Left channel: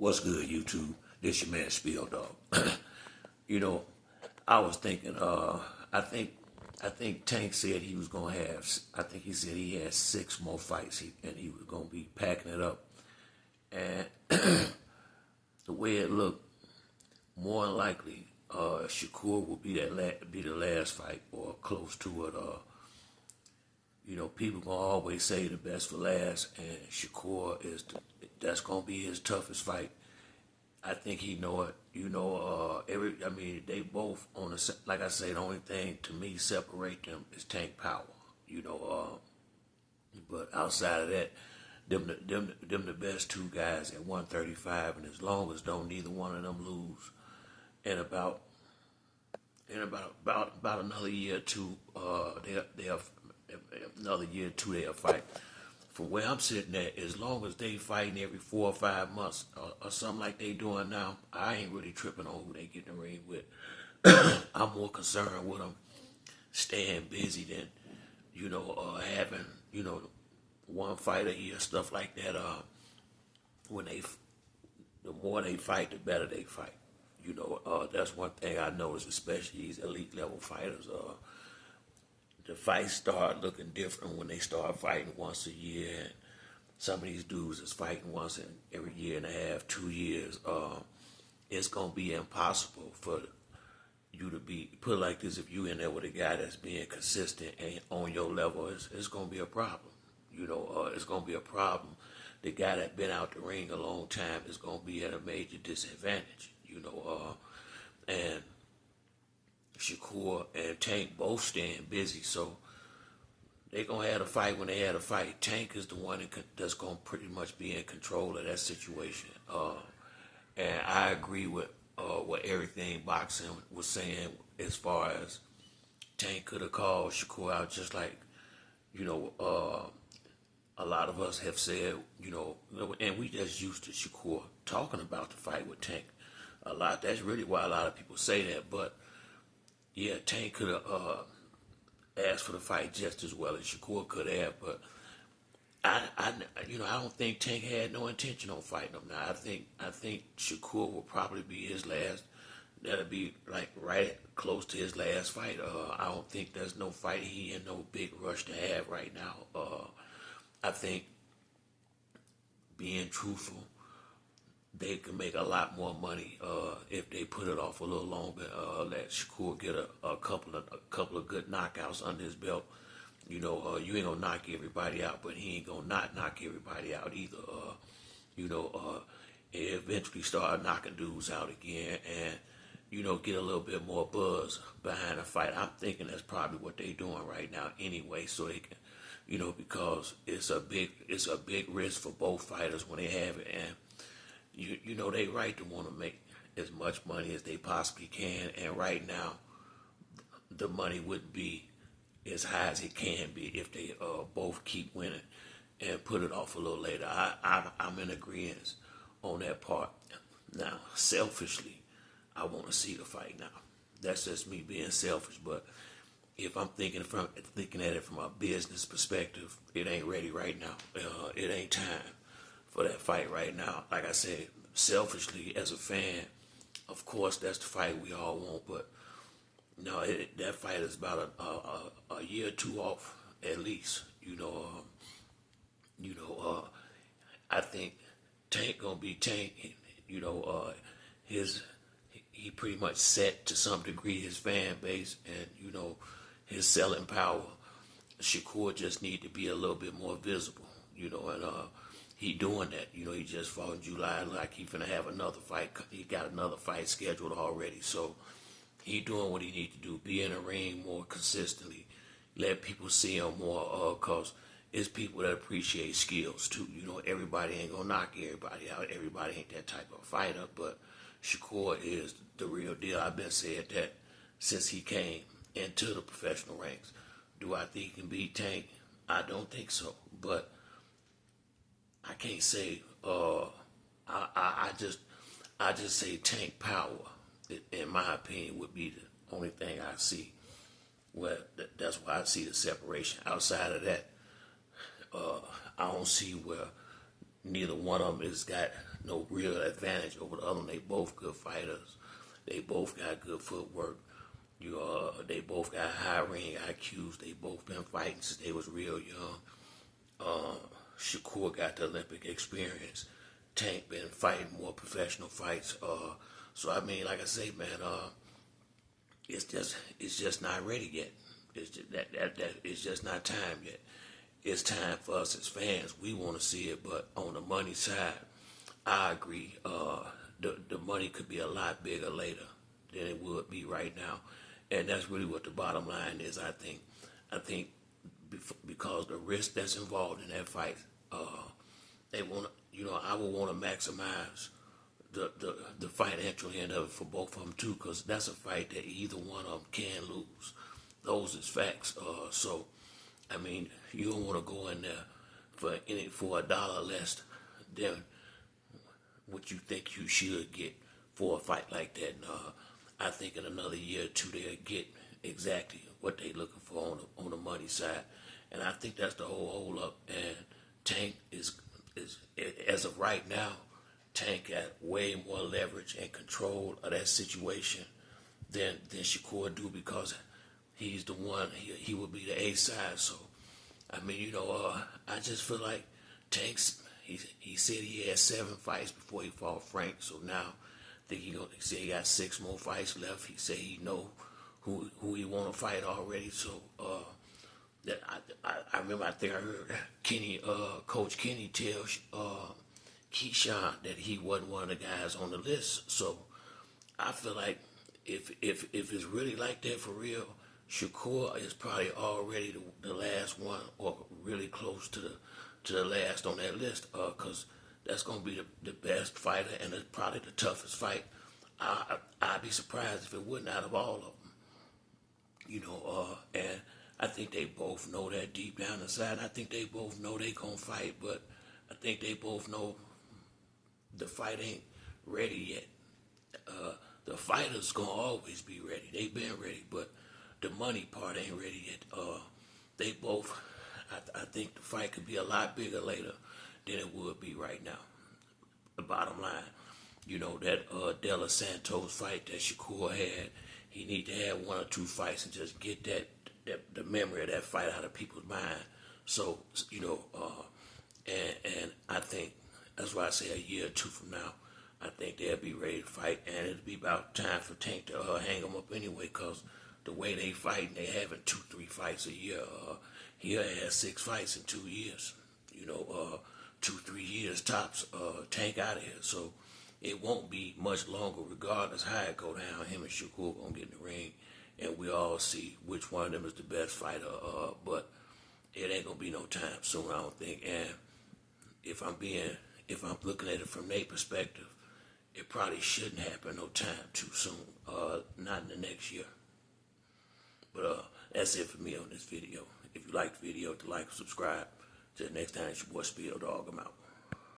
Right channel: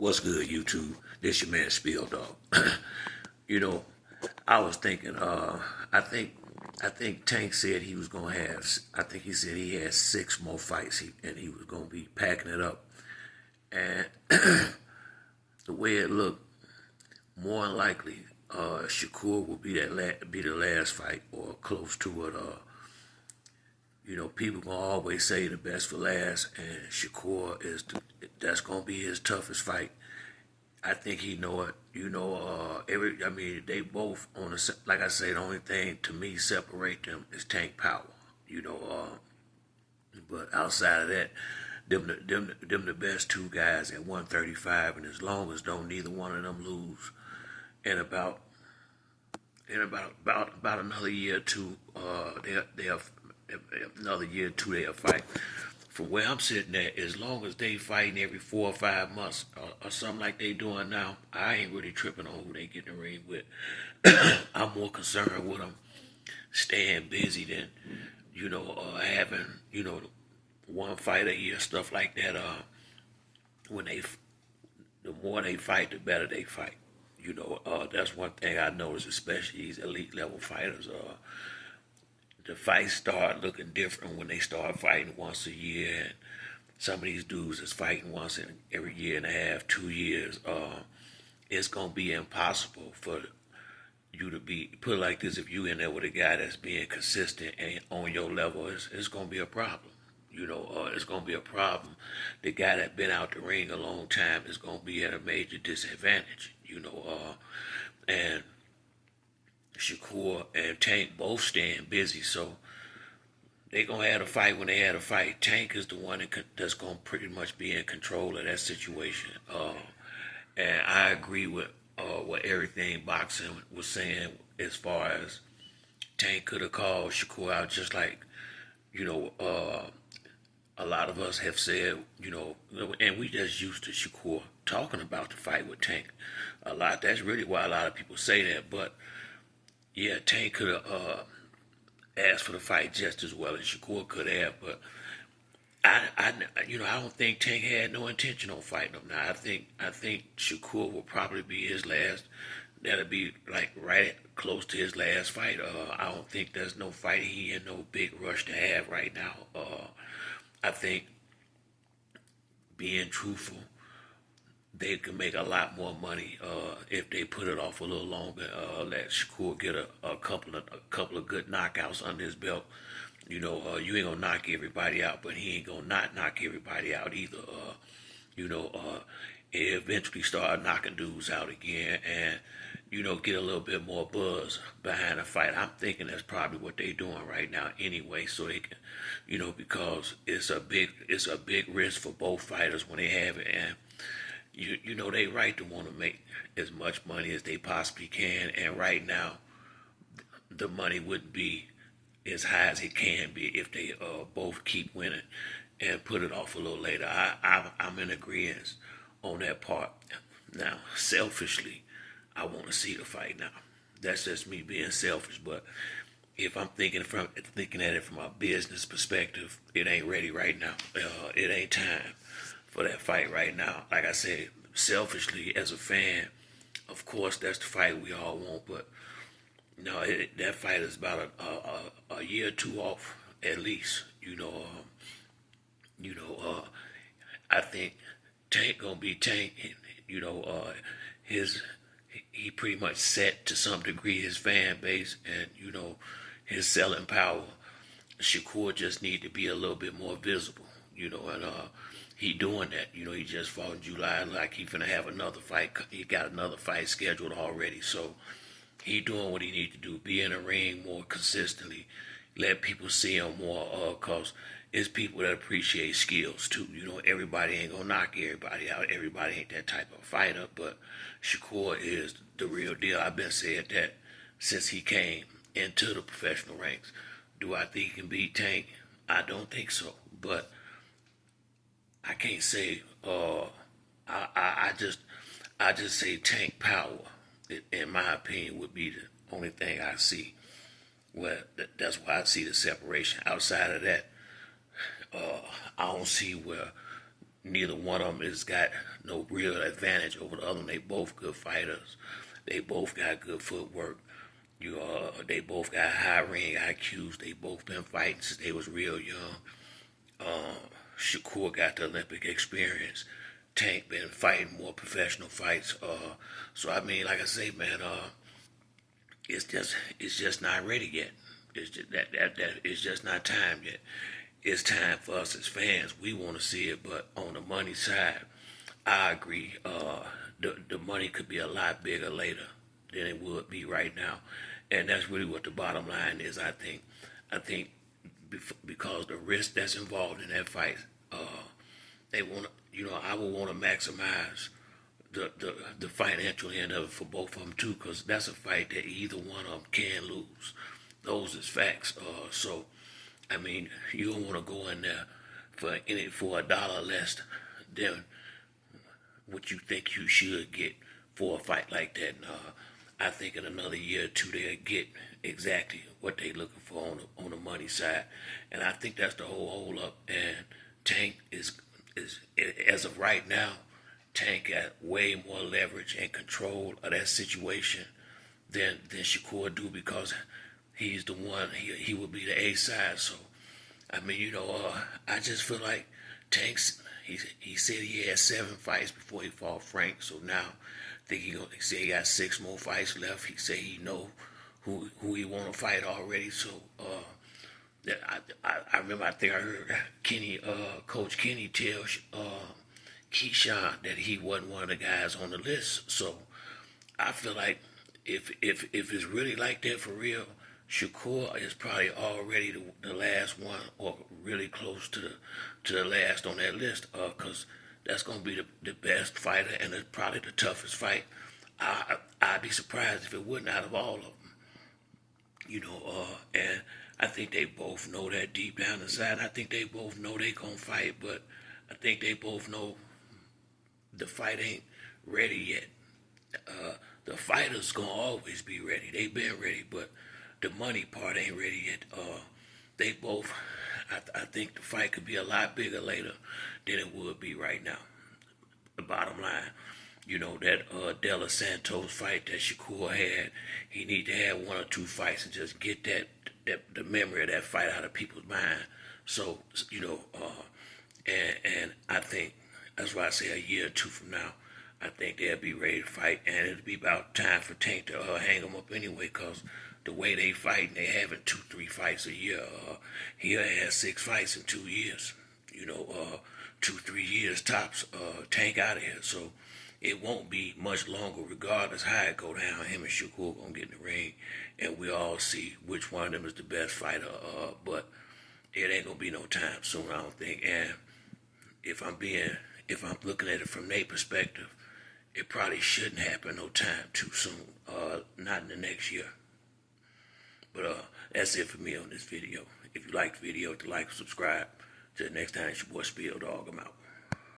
What's good, YouTube? This your man Spill Dog. you know, I was thinking. I think. I think Tank said he was gonna have. I think he said he had 6 more fights, and he was gonna be packing it up. And the way it looked, more than likely, Shakur will be be the last fight or close to it. People gonna always say the best for last, and Shakur that's gonna be his toughest fight. I think he know it. They both on the like I say. The only thing to me separate them is tank power. But outside of that, them the best two guys at 135, and as long as don't neither one of them lose, in about about another year or two, they'll another year or two they'll fight. From where I'm sitting at, as long as they fighting every 4 or 5 months or something like they doing now, I ain't really tripping on who they get in the ring with. I'm more concerned with them staying busy than, having, one fight a year, stuff like that. When the more they fight, the better they fight. That's one thing I noticed, especially these elite level fighters. The fights start looking different when they start fighting once a year. And some of these dudes is fighting once in every year and a half, 2 years. It's gonna be impossible for you to be put it like this. If you in there with a guy that's being consistent and on your level, it's gonna be a problem. It's gonna be a problem. The guy that been out the ring a long time is gonna be at a major disadvantage. And Shakur and Tank both staying busy, so they gonna have a fight when they had a fight. Tank is the one that's gonna pretty much be in control of that situation. And I agree with what everything boxing was saying as far as Tank could have called Shakur out, just like a lot of us have said, and we just used to Shakur talking about the fight with Tank a lot. That's really why a lot of people say that, but. Yeah, Tank could have asked for the fight just as well as Shakur could have, but I don't think Tank had no intention on fighting him. Now, I think Shakur will probably be his last. That'll be like right close to his last fight. I don't think there's no fight he in no big rush to have right now. I think being truthful, they could make a lot more money if they put it off a little longer. Let Shakur get a couple of good knockouts under his belt. You ain't gonna knock everybody out, but he ain't gonna not knock everybody out either. Eventually start knocking dudes out again, and get a little bit more buzz behind the fight. I'm thinking that's probably what they doing right now anyway, so they can, because it's a big risk for both fighters when they have it, and they right to want to make as much money as they possibly can, and right now the money wouldn't be as high as it can be if they both keep winning and put it off a little later. I'm in agreement on that part. Now, selfishly, I want to see the fight now. That's just me being selfish, but if I'm thinking at it from a business perspective, it ain't ready right now. It ain't time for that fight right now. Like I said, selfishly as a fan, of course that's the fight we all want, but no, that fight is about a year or two off at least. I think Tank gonna be Tank. His he pretty much set to some degree his fan base and his selling power. Shakur just need to be a little bit more visible, and he doing that. He just fought in July, like he finna have another fight. He got another fight scheduled already, so he doing what he need to do. Be in the ring more consistently. Let people see him more, cause it's people that appreciate skills too. Everybody ain't gonna knock everybody out. Everybody ain't that type of fighter, but Shakur is the real deal. I've been saying that since he came into the professional ranks. Do I think he can beat Tank? I don't think so, but I can't say. I just say Tank power, in my opinion, would be the only thing I see. Well, that's why I see the separation. Outside of that, I don't see where neither one of them has got no real advantage over the other one. They both good fighters. They both got good footwork. They both got high ring IQs. They both been fighting since they was real young. Shakur got the Olympic experience. Tank been fighting more professional fights. So I mean, like I say, man, it's just not ready yet. It's just that it's just not time yet. It's time for us as fans. We want to see it, but on the money side, I agree. The money could be a lot bigger later than it would be right now, and that's really what the bottom line is. I think because the risk that's involved in that fight, they want to, I would want to maximize the financial end of it for both of them too, because that's a fight that either one of them can lose. Those is facts. So, I mean, you don't want to go in there for $1 less than what you think you should get for a fight like that. And I think in another year or two they'll get exactly what they looking for on the money side, and I think that's the whole hold up. And Tank is as of right now, Tank got way more leverage and control of that situation than Shakur do, because he's the one. He would be the A side. So I mean, I just feel like Tank's. He said he had 7 fights before he fought Frank. So now I think he said he got 6 more fights left. He said he know who he want to fight already. So that I remember, I think I heard Coach Kenny tell Keyshawn that he wasn't one of the guys on the list. So I feel like if it's really like that for real, Shakur is probably already the last one, or really close to the last on that list, because that's gonna be the best fighter, and it's probably the toughest fight. I'd be surprised if it wasn't out of all of them. And I think they both know that deep down inside. I think they both know they gonna fight, but I think they both know the fight ain't ready yet. The fighters gonna always be ready. They been ready, but the money part ain't ready yet. They both. I think the fight could be a lot bigger later than it would be right now. The bottom line, that De Los Santos fight that Shakur had, he need to have 1 or 2 fights and just get the memory of that fight out of people's mind. So and I think that's why I say a year or 2 from now, I think they'll be ready to fight, and it'll be about time for Tank to hang them up anyway, cause the way they fight, they having 2, 3 fights a year. He'll have 6 fights in 2 years. 2, 3 years tops. Tank out of here. So it won't be much longer, regardless how it go down. Him and Shakur gonna get in the ring, and we all see which one of them is the best fighter. But it ain't gonna be no time soon, I don't think. And if I'm looking at it from their perspective, it probably shouldn't happen no time too soon. Not in the next year. But that's it for me on this video. If you like the video, like and subscribe. Till next time, it's your boy Spill Dog. I'm out.